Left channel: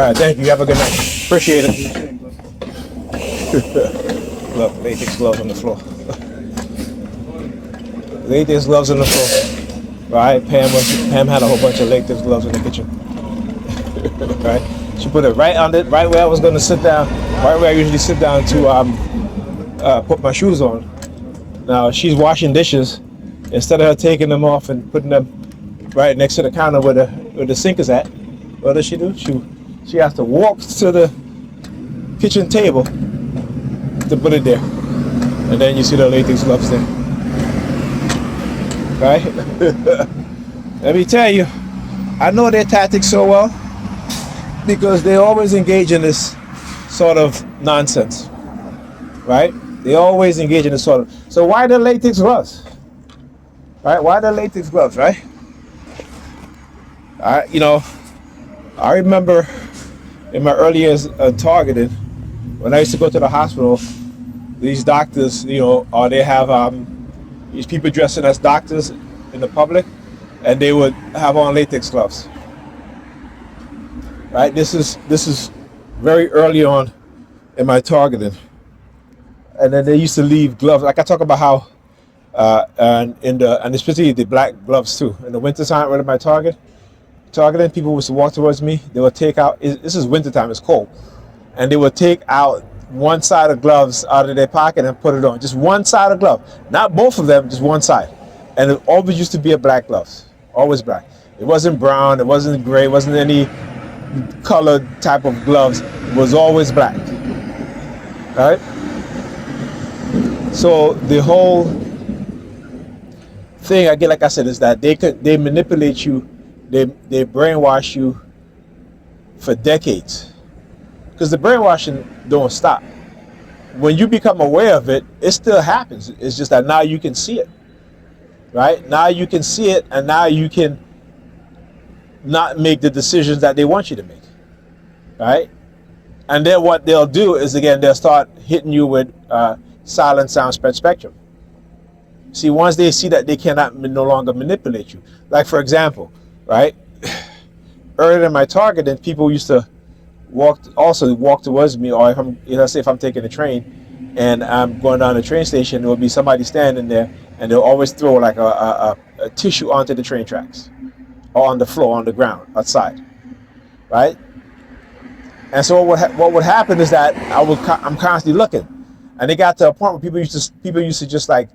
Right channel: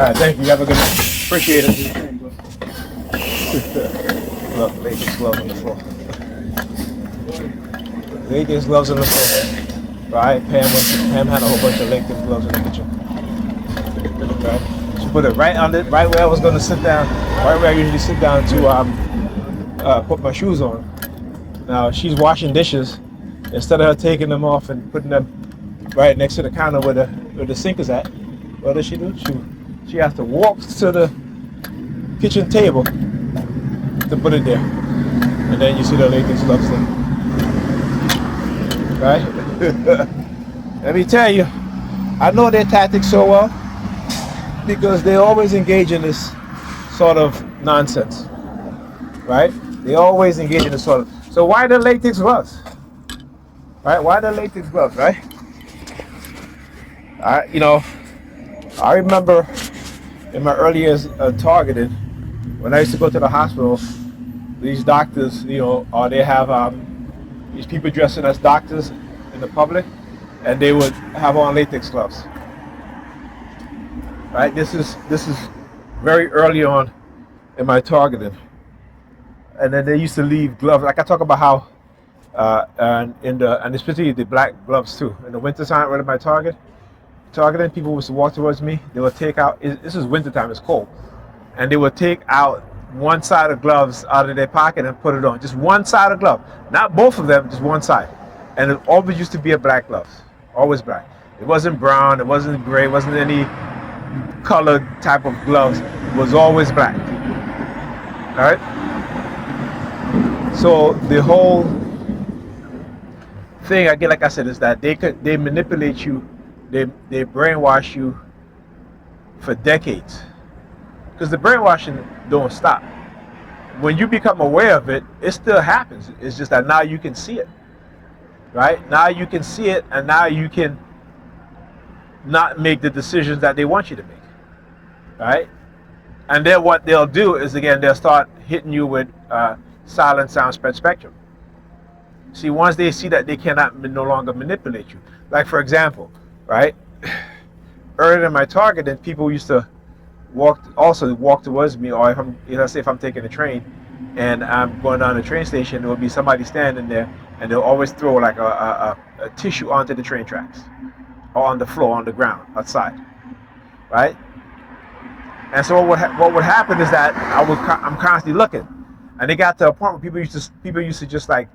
right, thank you. Have a good night. Appreciate it. Look, latex gloves on the floor. Latex gloves on the floor. Right? Pam had a whole bunch of latex gloves in the kitchen. Right? She put it right on it, right where I was going to sit down, right where I usually sit down to put my shoes on. Now she's washing dishes. Instead of her taking them off and putting them right next to the counter where the sink is at, what does she do? She has to walk to the kitchen table to put it there, and then you see the latex gloves there. Right? Let me tell you, I know their tactics so well because they always engage in this sort of nonsense. Right? They always engage in this sort of. So why the latex gloves? Right? Why the latex gloves? Right? I remember in my early years targeted, when I used to go to the hospital, these doctors, or they have these people dressing as doctors in the public, and they would have on latex gloves. Right? This is very early on in my targeting, and then they used to leave gloves. Like I talk about how, and especially the black gloves too. In the wintertime, right at my targeting, people used to walk towards me. They would take out. This is wintertime. It's cold, and they would take out one side of gloves out of their pocket and put it on. Just one side of glove, not both of them, just one side. And it always used to be a black gloves, always black. It wasn't brown, it wasn't gray, it wasn't any colored type of gloves. It was always black. All right. So the whole thing, again, like I said, is that they manipulate you, they brainwash you for decades. Because the brainwashing don't stop. When you become aware of it, it still happens. It's just that now you can see it, right? Now you can see it, and now you can not make the decisions that they want you to make, right? And then what they'll do is, again, they'll start hitting you with silent sound spread spectrum. See, once they see that they cannot no longer manipulate you. Like, for example, right? Earlier in my targeting, people used to walk towards me, or if I'm taking a train and I'm going down the train station, there will be somebody standing there, and they'll always throw like a tissue onto the train tracks or on the floor, on the ground outside, right? And so what would happen is that I'm constantly looking, and it got to a point where people used to just like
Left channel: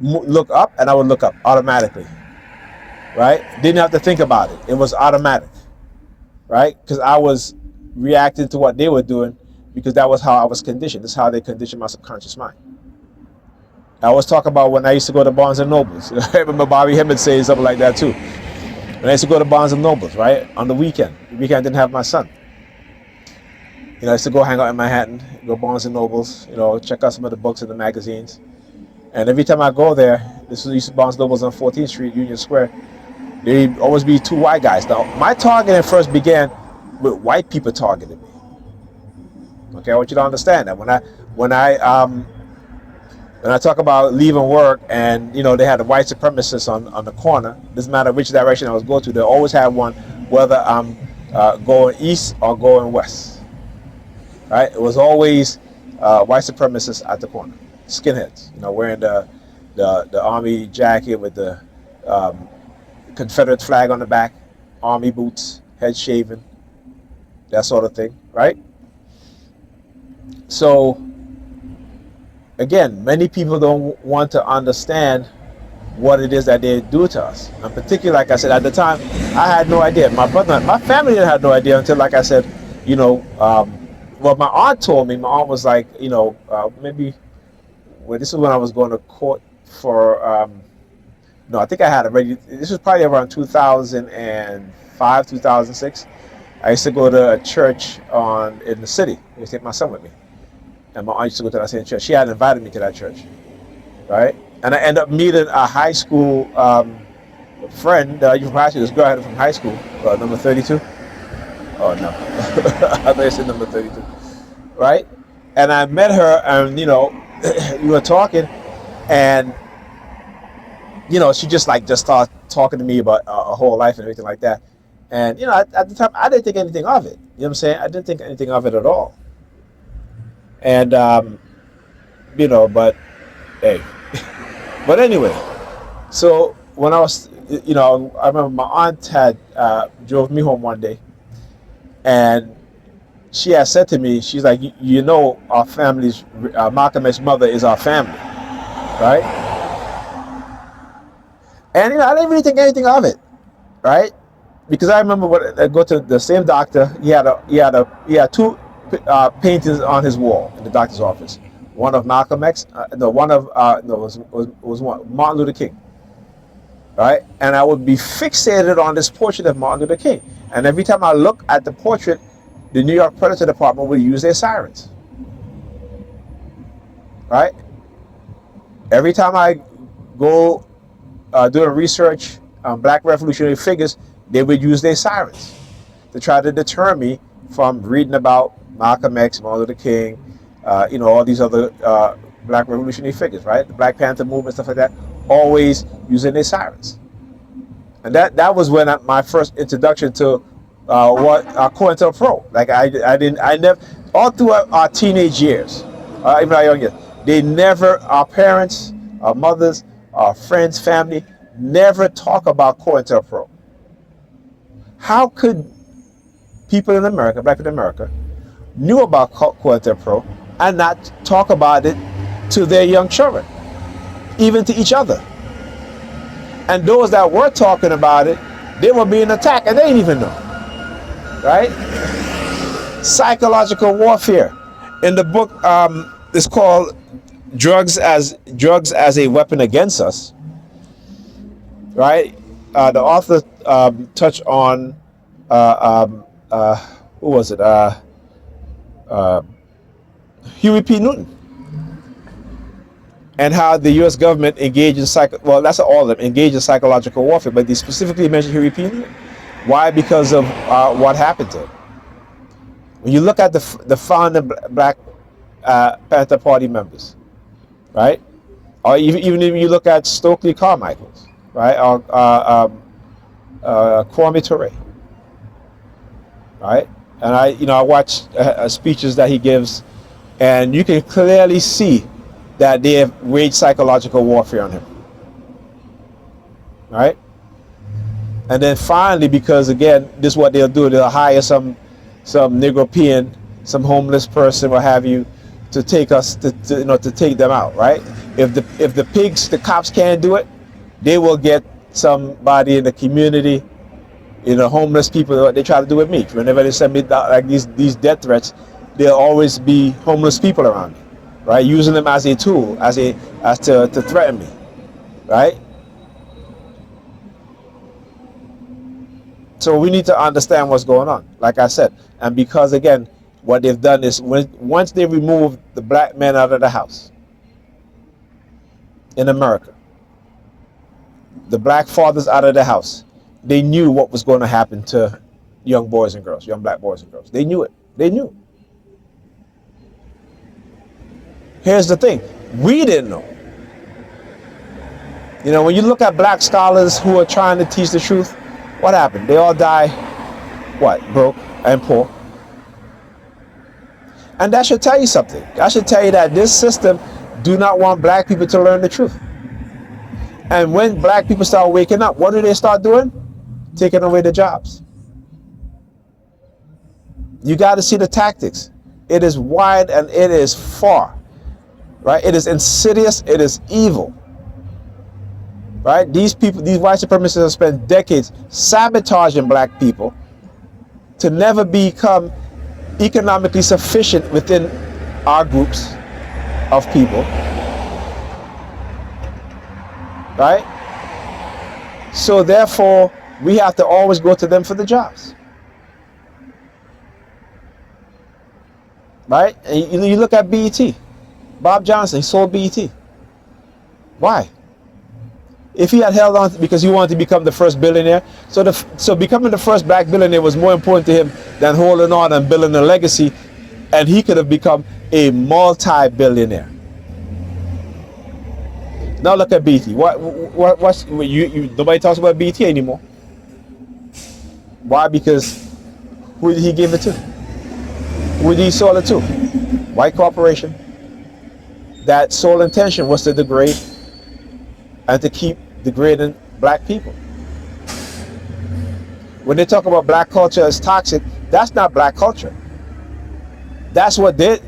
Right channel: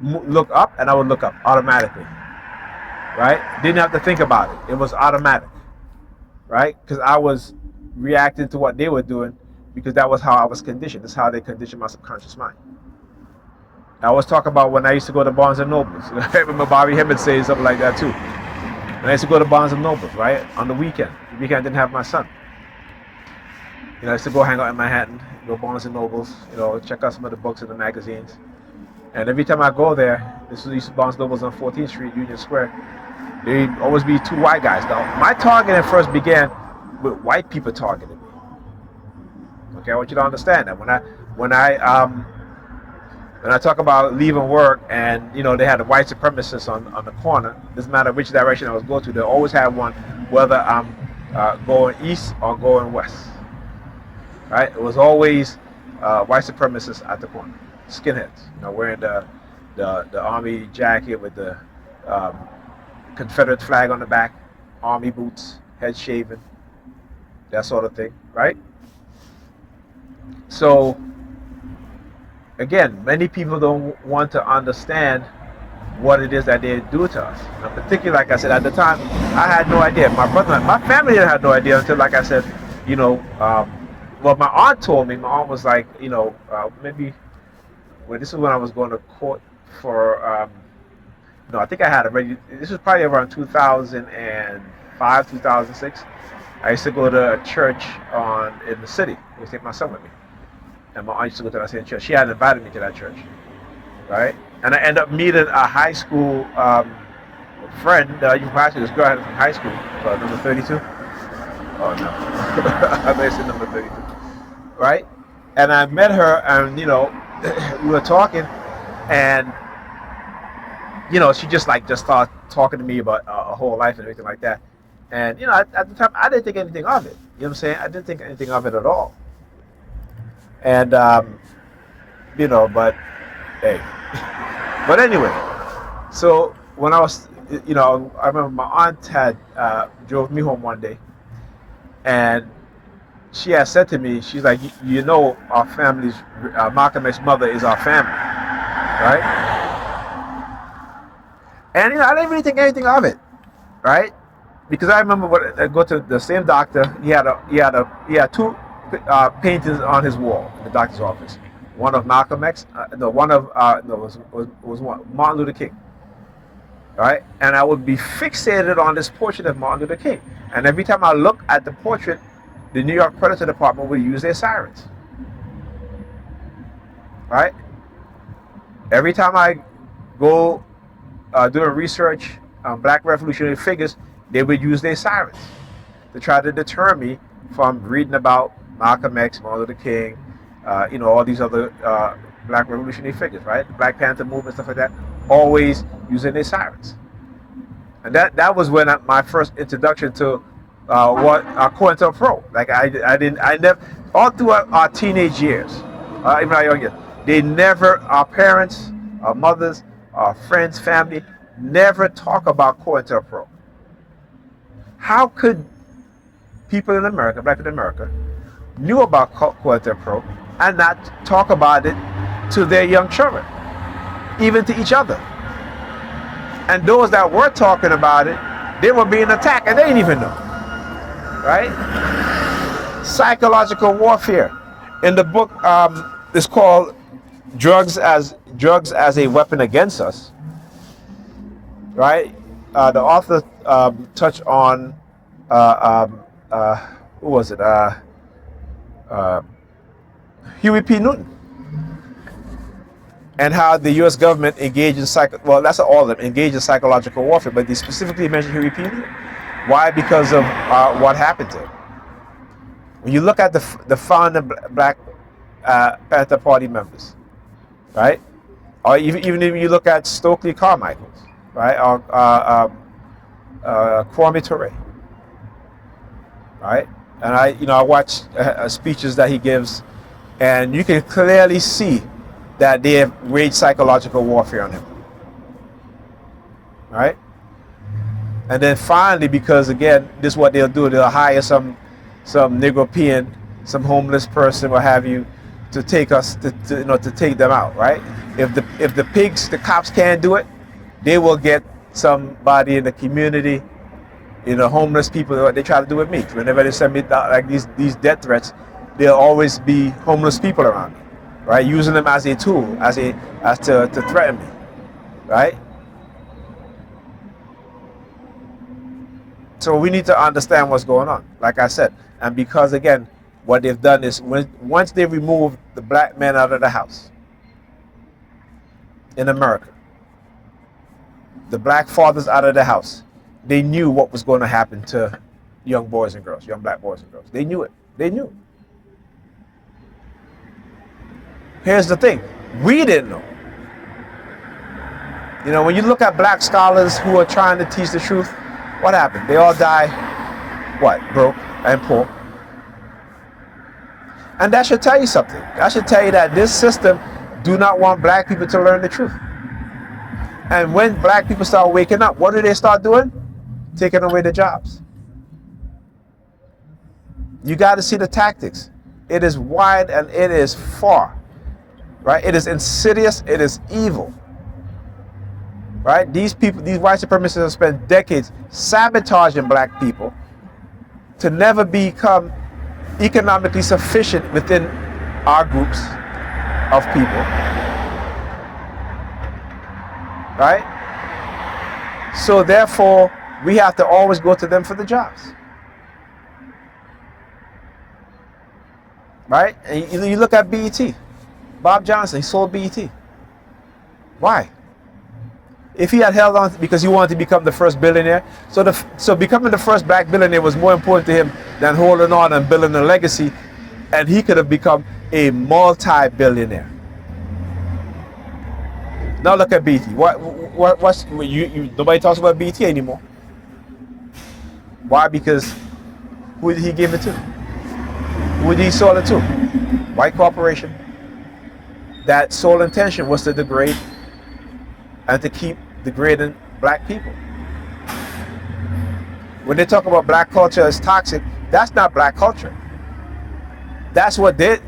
look up, and I would look up automatically, right? Didn't have to think about it. It was automatic, right? Because I was reacting to what they were doing, because that was how I was conditioned. This is how they conditioned my subconscious mind. I always talk about when I used to go to Barnes and Nobles. I remember Bobby Hemmett saying something like that too. When I used to go to Barnes and Nobles, right, on the weekend. The weekend I didn't have my son. I used to go hang out in Manhattan, go Barnes and Nobles, check out some of the books and the magazines. And every time I go there, this was Barnes and Nobles on 14th Street, Union Square, there'd always be two white guys. Now, my targeting first began with white people targeting me. Okay, I want you to understand that when I talk about leaving work, and they had a white supremacist on the corner, doesn't matter which direction I was going to, they always had one, whether I'm going east or going west. Right? It was always white supremacists at the corner, skinheads, wearing the army jacket with the Confederate flag on the back, army boots, head shaven, that sort of thing, right? So, again, many people don't want to understand what it is that they do to us. And particularly, like I said, at the time, I had no idea. My family had no idea until, like I said, well, my aunt told me. My aunt was like, maybe, well, this is when I was going to court for, no, I think I had already, this was probably around 2005, 2006. I used to go to a church in the city. I used to take my son with me. And my aunt used to go to that same church. She had invited me to that church, right? And I ended up meeting a high school friend that you passed. This girl I had from high school, number 32. Oh no, I may say number 32, right? And I met her, and we were talking, and she just started talking to me about her whole life and everything like that. And at the time, I didn't think anything of it. You know what I'm saying? I didn't think anything of it at all. And but hey, but anyway. So when I was, I remember my aunt had drove me home one day, and she had said to me, she's like, our family's Malcolm X's mother is our family, right? And I didn't really think anything of it, right? Because I remember I go to the same doctor. He had two paintings on his wall in the doctor's office. One of Malcolm X, was one Martin Luther King, right? And I would be fixated on this portrait of Martin Luther King. And every time I look at the portrait, the New York Predator Department would use their sirens, right? Every time I go doing research on Black revolutionary figures, they would use their sirens to try to deter me from reading about Malcolm X, Martin Luther King, all these other Black revolutionary figures, right? The Black Panther movement, stuff like that, always using their sirens. And that was when my first introduction to what COINTELPRO. Like I never, all through our teenage years, even our young years, our parents, our mothers, our friends, family, never talk about COINTELPRO. How could people in America, Black people in America, knew about COINTELPRO and not talk about it to their young children, even to each other? And those that were talking about it, they were being attacked and they didn't even know, right? Psychological warfare. In the book, it's called Drugs as a Weapon Against Us, right? The author touched on, who was it? Huey P. Newton. And how the U.S. government engaged in that's all of them, engaged in psychological warfare, but they specifically mentioned Huey P. Newton. Why? Because of what happened to him. When you look at the founding Black Panther Party members, right? Or even if you look at Stokely Carmichael's, right? Or Kwame Ture, right? And I watch speeches that he gives, and you can clearly see that they have waged psychological warfare on him, right? And then finally, because again, this is what they'll do, they'll hire some Negropean, some homeless person, what have you, to take us to take them out, right? If the cops can't do it, they will get somebody in the community, homeless people. They try to do with me. Whenever they send me like these death threats, there'll always be homeless people around me, right? Using them as a tool, as to threaten me, right? So we need to understand what's going on, like I said. And because again, what they've done is once they remove the black men out of the house in America, the black fathers out of the house, they knew what was going to happen to young boys and girls, young black boys and girls. They knew it. They knew. Here's the thing. We didn't know. When you look at black scholars who are trying to teach the truth, what happened? They all die, broke and poor. And that should tell you something. That should tell you that this system do not want black people to learn the truth. And when black people start waking up, what do they start doing? Taking away the jobs. You got to see the tactics. It is wide and it is far, right? It is insidious. It is evil, right? These people, these white supremacists have spent decades sabotaging black people to never become economically sufficient within our groups of people, right? So therefore, we have to always go to them for the jobs, right? And you look at BET. Bob Johnson, he sold BET. Why? If he had held on because he wanted to become the first billionaire, so becoming the first black billionaire was more important to him than holding on and building a legacy, and he could have become a multi-billionaire. Now look at BET. Nobody talks about BET anymore. Why? Because who did he give it to? Who did he sell it to? White corporation. That sole intention was to degrade and to keep degrading black people. When they talk about black culture as toxic, that's not black culture. That's what they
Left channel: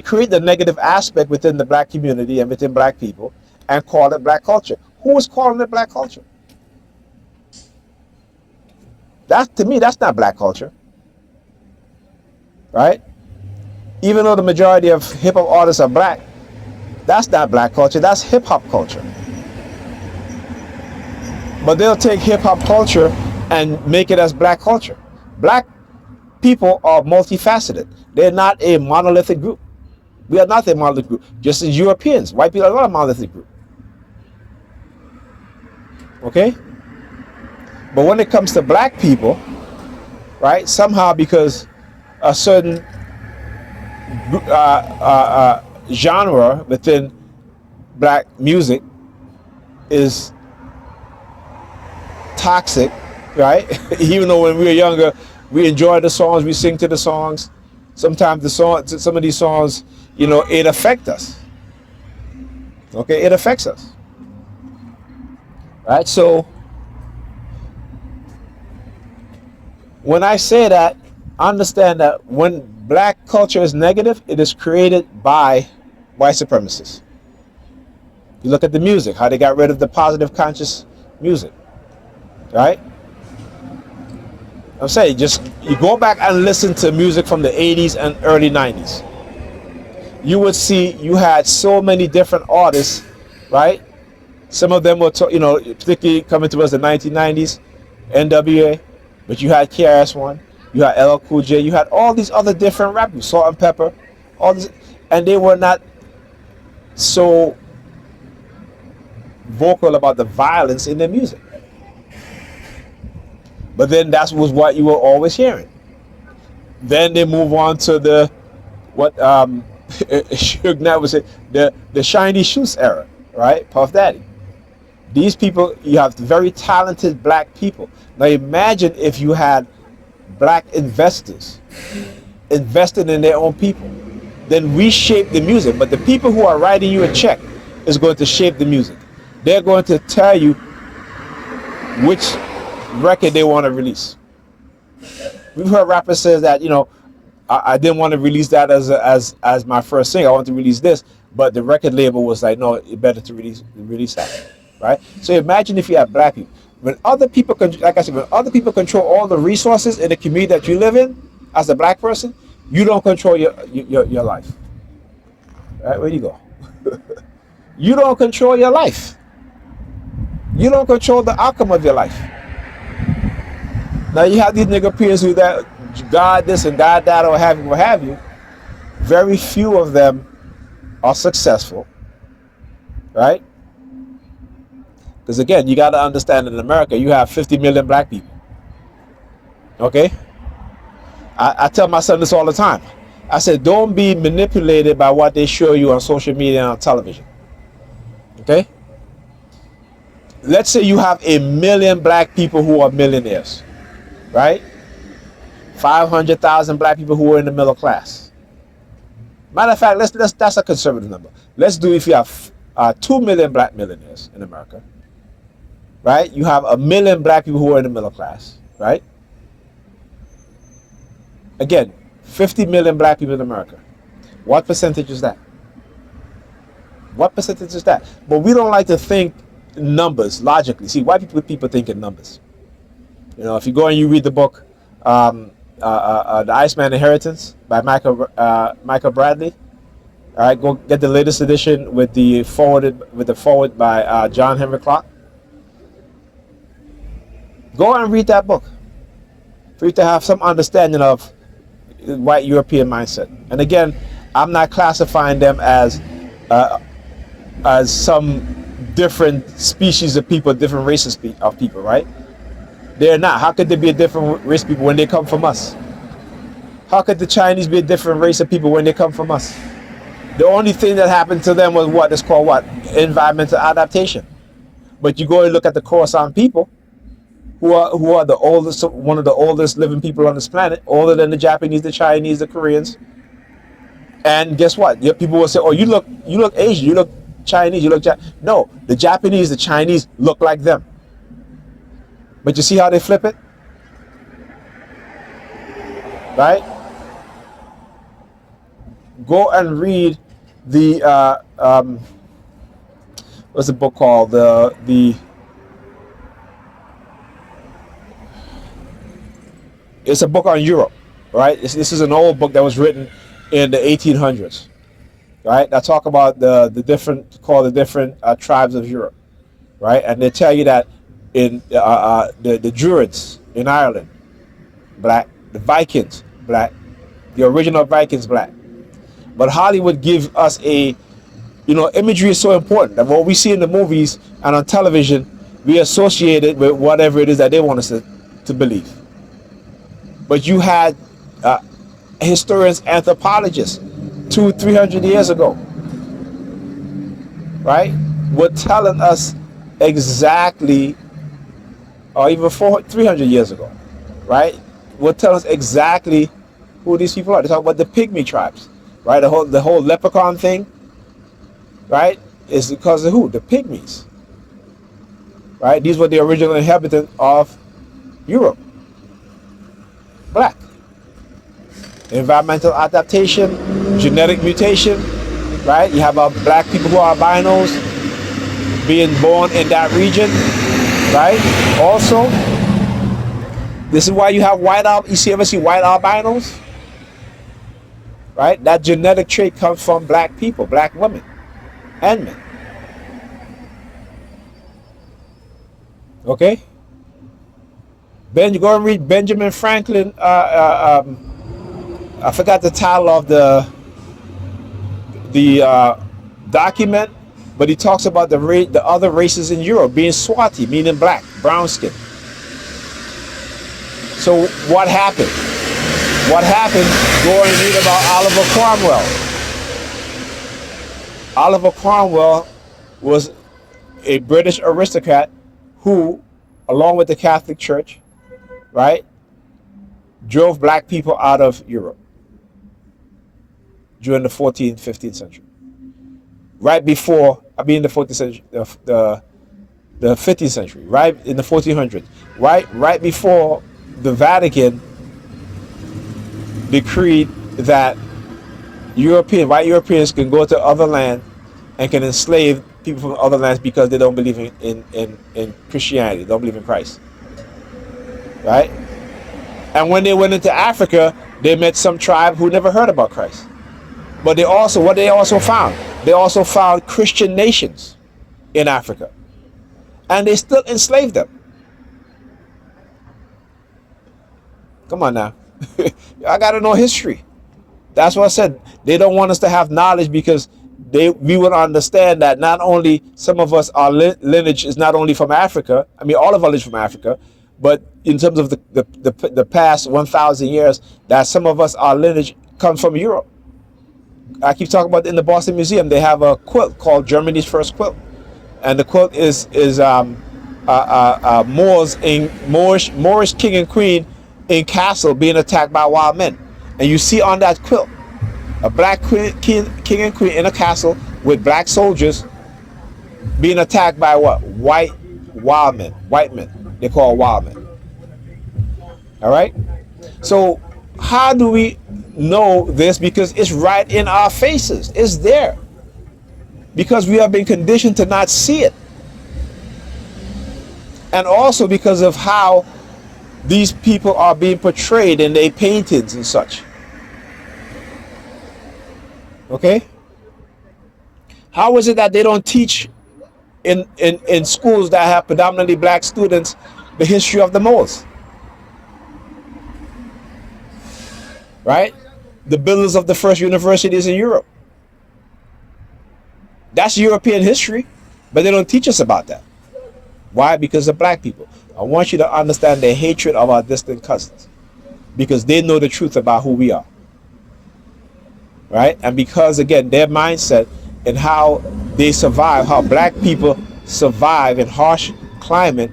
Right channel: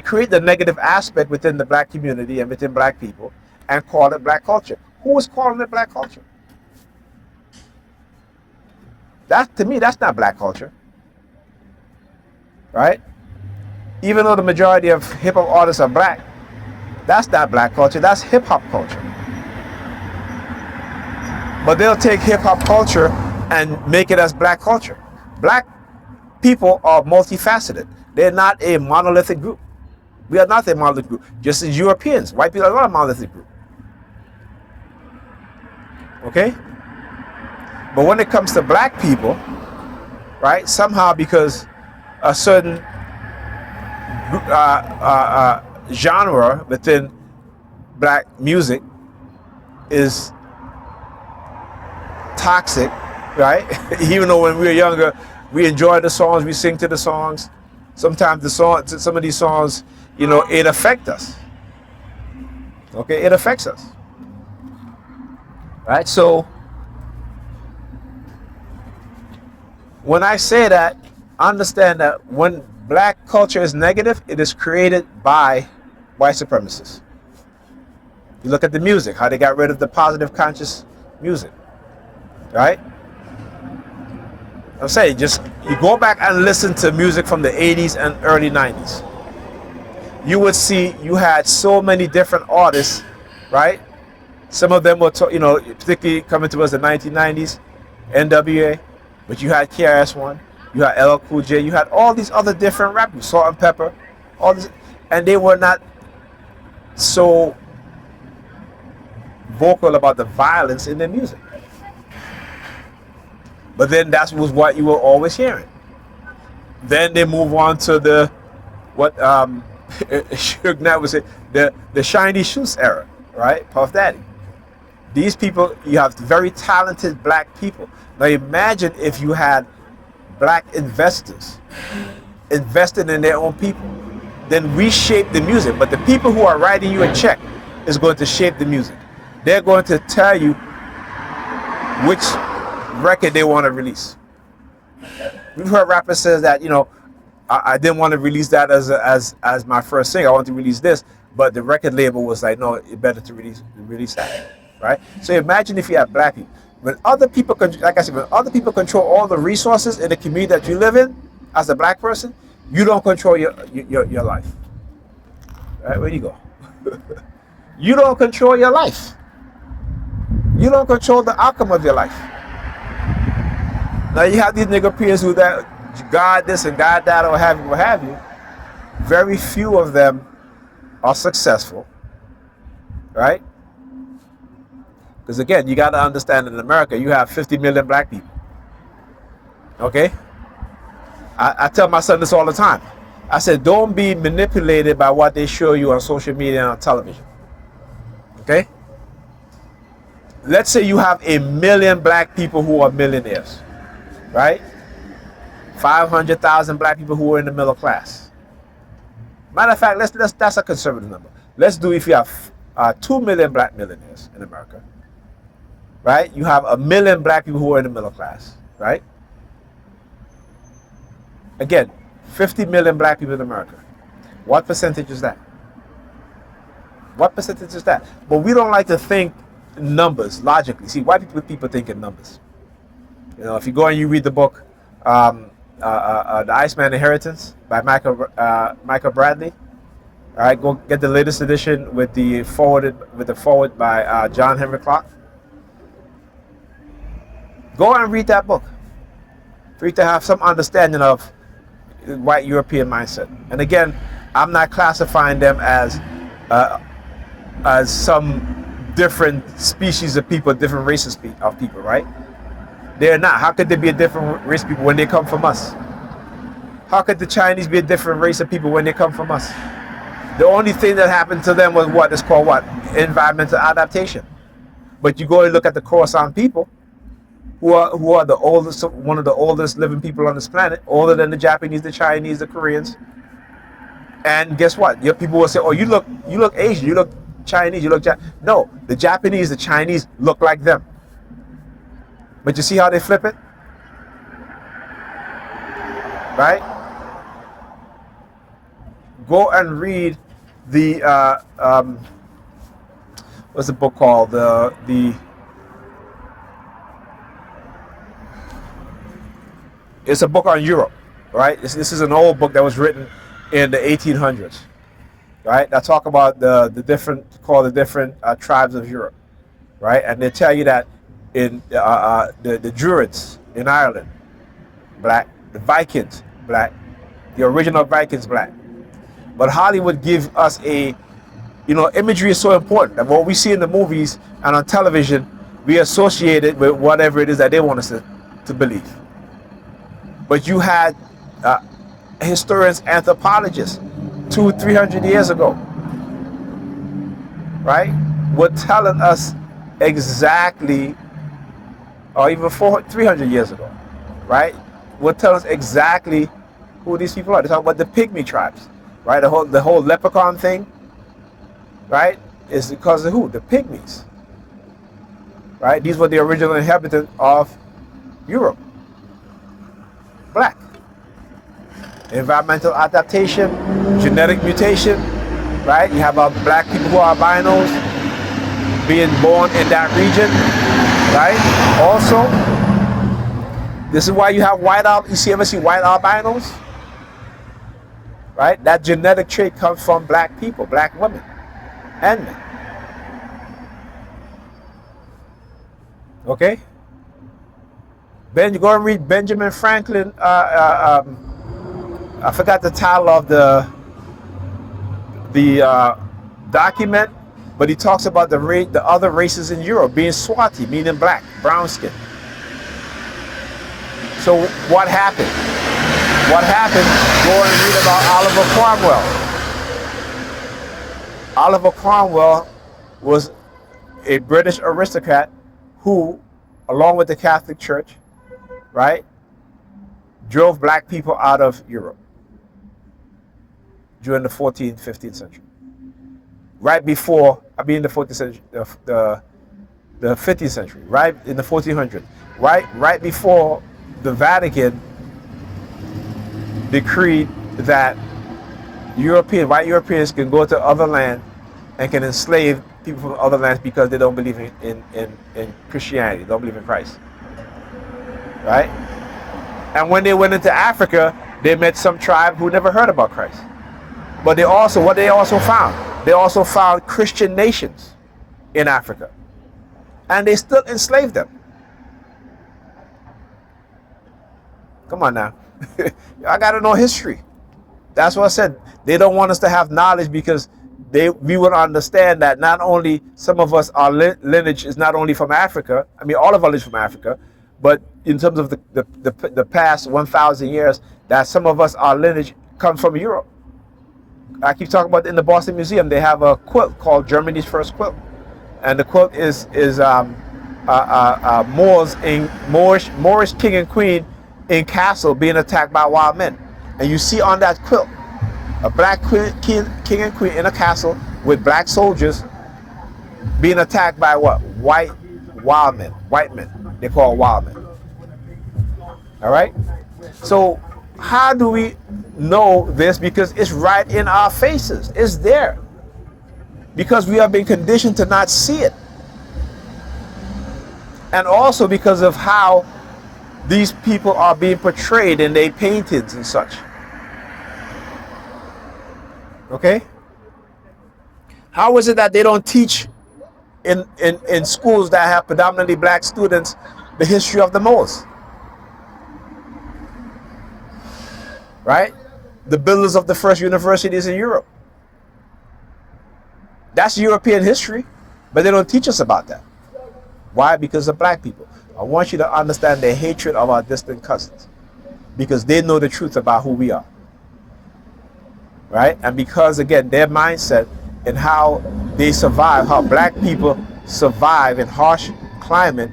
create the negative aspect within the black community and within black people and call it black culture. Who is calling it black culture? That, to me, that's not black culture, right? Even though the majority of hip hop artists are black, that's not black culture. That's hip hop culture. But they'll take hip hop culture and make it as black culture. Black people are multifaceted. They're not a monolithic group. We are not a monolithic group. Just as Europeans, white people are not a monolithic group. Okay? But when it comes to black people, right, somehow because a certain genre within black music is toxic, right? Even though when we were younger, we enjoyed the songs, we sing to the songs. Sometimes some of these songs, you know, it affects us. Okay, it affects us. Right? So when I say that, understand that when black culture is negative, it is created by white supremacists. You look at the music, how they got rid of the positive conscious music, right? I'm saying, just you go back and listen to music from the 80s and early 90s. You would see you had so many different artists, right? Some of them were, particularly coming towards the 1990s, NWA, but you had KRS-One, you had LL Cool J, you had all these other different rappers, Salt and Pepper, all this, and they were not so vocal about the violence in their music. But then that was what you were always hearing. Then they move on to the what Suge Knight would say, the shiny shoes era, right? Puff Daddy. These people, you have very talented black people. Now imagine if you had black investors invested in their own people, then reshape the music. But the people who are writing you a check is going to shape the music. They're going to tell you which record they want to release. We've heard rappers say that, I didn't want to release that as my first single. I want to release this, but the record label was like, no, it's better to release that, right? So imagine if you have black people. When other people, like I said, when other people control all the resources in the community that you live in, as a black person, you don't control your life. Right? Where do you go? You don't control your life. You don't control the outcome of your life. Now you have these nigga peers who that God this and God that or what have you. Very few of them are successful, right? Because again, you got to understand, in America, you have 50 million black people. Okay? I tell my son this all the time. I said, don't be manipulated by what they show you on social media and on television. Okay? Let's say you have 1 million black people who are millionaires, right? 500,000 black people who are in the middle class. Matter of fact, that's a conservative number. Let's do if you have 2 million black millionaires in America, right? You have 1 million black people who are in the middle class, right? Again, 50 million black people in America. What percentage is that? What percentage is that? But we don't like to think numbers logically. See, white people think in numbers. If you go and you read the book, The Iceman Inheritance by Michael Bradley. All right, go get the latest edition with the forward by John Henry Clark. Go and read that book for you to have some understanding of white European mindset. And again, I'm not classifying them as some different species of people, different races of people, right? They're not. How could they be a different race of people when they come from us? How could the Chinese be a different race of people when they come from us? The only thing that happened to them was what is called environmental adaptation. But you go and look at the Khorasan people, who are the oldest, one of the oldest living people on this planet, older than the Japanese, the Chinese, the Koreans. And guess what? Your people will say, "Oh, you look Asian, you look Chinese, you look no." The Japanese, the Chinese look like them. But you see how they flip it, right? Go and read the what's the book called? The It's a book on Europe, right? This is an old book that was written in the 1800s, right? That talk about the different tribes of Europe, right? And they tell you that in the Druids in Ireland, black, the Vikings, black, the original Vikings, black. But Hollywood gives us imagery is so important that what we see in the movies and on television, we associate it with whatever it is that they want us to believe. But you had historians, anthropologists, 200-300 years ago, right, were telling us exactly, or even 300 years ago, right, were telling us exactly who these people are. They talk about the pygmy tribes, right? The whole leprechaun thing, right, is because of who? The pygmies, right? These were the original inhabitants of Europe. Black. Environmental adaptation, genetic mutation, right? You have black people who are albinos being born in that region, right? Also, this is why you have ever see white albinos? Right? That genetic trait comes from black people, black women and men. Okay? You go and read Benjamin Franklin. I forgot the title of the document, but he talks about the other races in Europe being Swati, meaning black, brown skin. So what happened? What happened? Go and read about Oliver Cromwell. Oliver Cromwell was a British aristocrat who, along with the Catholic Church, right, drove black people out of Europe during the 14th, 15th century. Right before, the 14th century, the 15th century, right in the 1400s, right before the Vatican decreed that white Europeans can go to other lands and can enslave people from other lands because they don't believe in Christianity, don't believe in Christ. Right? And when they went into Africa, they met some tribe who never heard about Christ. But they also found Christian nations in Africa. And they still enslaved them. Come on now. I gotta know history. That's what I said. They don't want us to have knowledge because we would understand that not only some of us, our lineage is not only from Africa, all of our lineage from Africa, but in terms of the past 1,000 years, that some of us, our lineage comes from Europe. I keep talking about in the Boston Museum, they have a quilt called Germany's First Quilt. And the quilt is Moorish king and queen in castle being attacked by wild men. And you see on that quilt, a black king and queen in a castle with black soldiers being attacked by what? White men. They call wild men. All right? So how do we know this? Because it's right in our faces. It's there. Because we have been conditioned to not see it. And also because of how these people are being portrayed in their paintings and such. Okay? How is it that they don't teach in schools that have predominantly black students the history of the Moors? Right? The builders of the first universities in Europe. That's European history, but they don't teach us about that. Why? Because of black people. I want you to understand the hatred of our distant cousins, because they know the truth about who we are. Right? And because, again, their mindset and how they survive, how black people survive in harsh climate,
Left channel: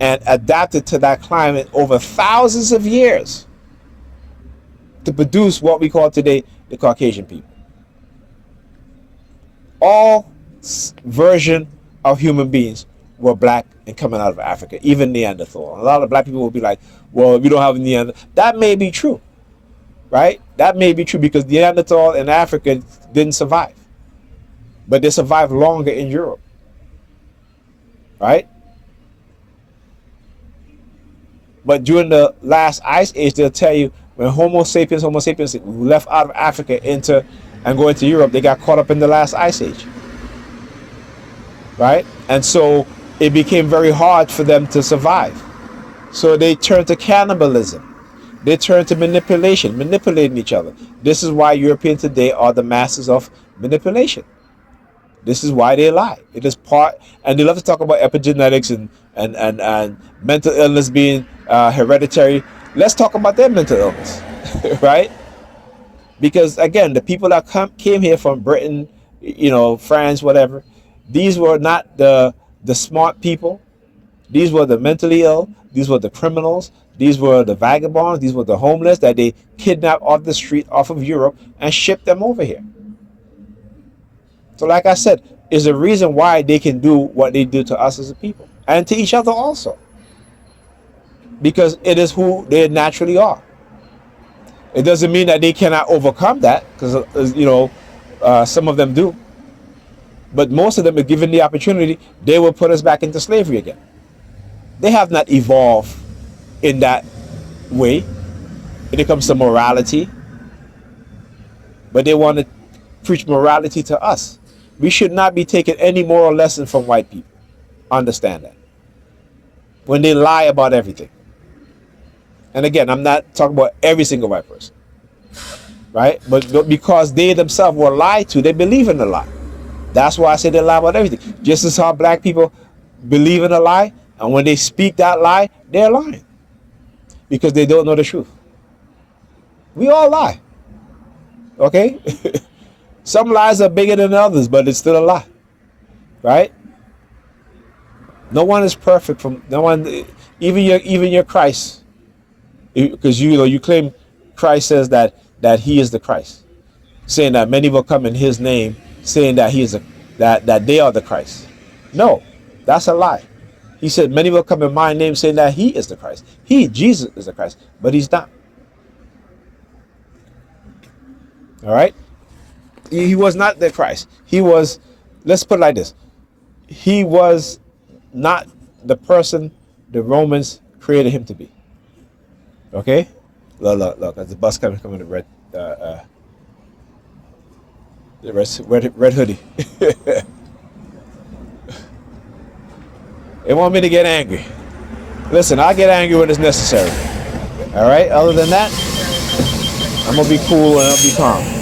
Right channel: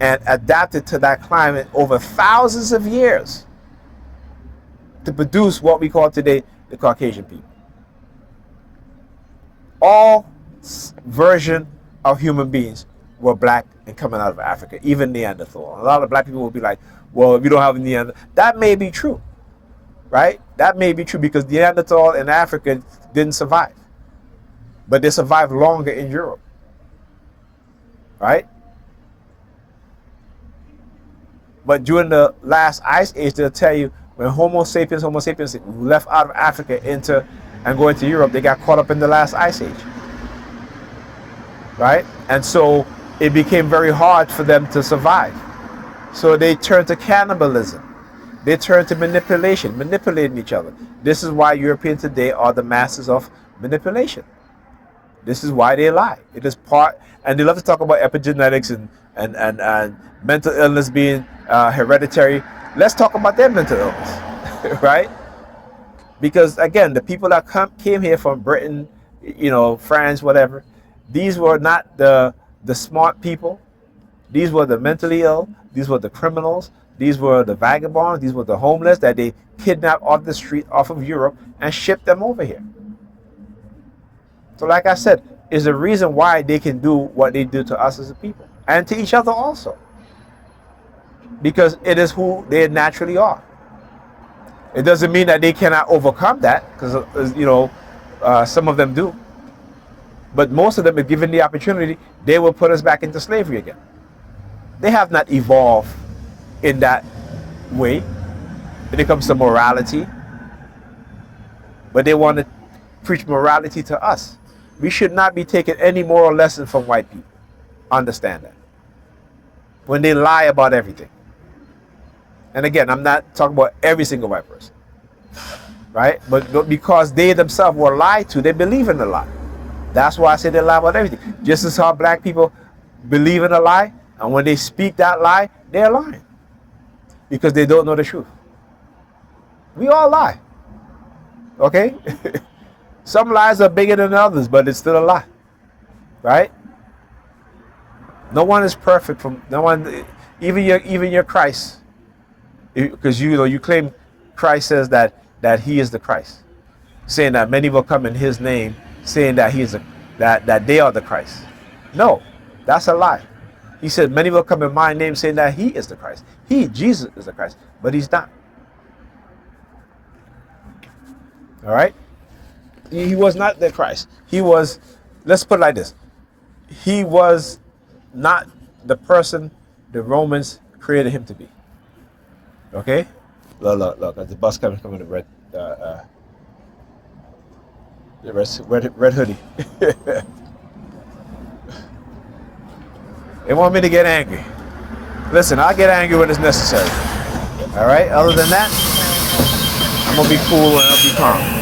and adapted to that climate over thousands of years to produce what we call today the Caucasian people. All version of human beings were black and coming out of Africa, even Neanderthal. A lot of black people will be like, well, we don't have Neanderthal. That may be true, right? That may be true because Neanderthal in Africa didn't survive. But they survived longer in Europe, right? But during the last ice age, they'll tell you when Homo sapiens left out of Africa and go into Europe, they got caught up in the last ice age, right? And so it became very hard for them to survive. So they turned to cannibalism. They turned to manipulating each other. This is why Europeans today are the masters of manipulation. This is why they lie. It is part, and they love to talk about epigenetics and mental illness being hereditary. Let's talk about their mental illness, right? Because again, the people that came here from Britain, France, whatever, these were not the smart people. These were the mentally ill. These were the criminals. These were the vagabonds. These were the homeless that they kidnapped off the street, off of Europe, and shipped them over here. So like I said, is a reason why they can do what they do to us as a people and to each other also. Because it is who they naturally are. It doesn't mean that they cannot overcome that, because some of them do. But most of them, if given the opportunity, they will put us back into slavery again. They have not evolved in that way when it comes to morality. But they want to preach morality to us. We should not be taking any moral lesson from white people. Understand that. When they lie about everything. And again, I'm not talking about every single white person. Right? But because they themselves were lied to, they believe in the lie. That's why I say they lie about everything. Just as how black people believe in a lie, and when they speak that lie, they're lying. Because they don't know the truth. We all lie. Okay? Some lies are bigger than others, but it's still a lie. Right? No one is perfect from no one, even your Christ. Because you claim Christ says that he is the Christ. Saying that many will come in his name, saying that he is that they are the Christ. No, that's a lie. He said many will come in my name saying that he is the Christ. Jesus is the Christ, but he's not. All right? He was not the Christ. He was, let's put it like this. He was not the person the Romans created him to be. Okay? Look, there's a bus coming the red hoodie. They want me to get angry. Listen, I'll get angry when it's necessary. All right? Other than that, I'm going to be cool and I'll be calm.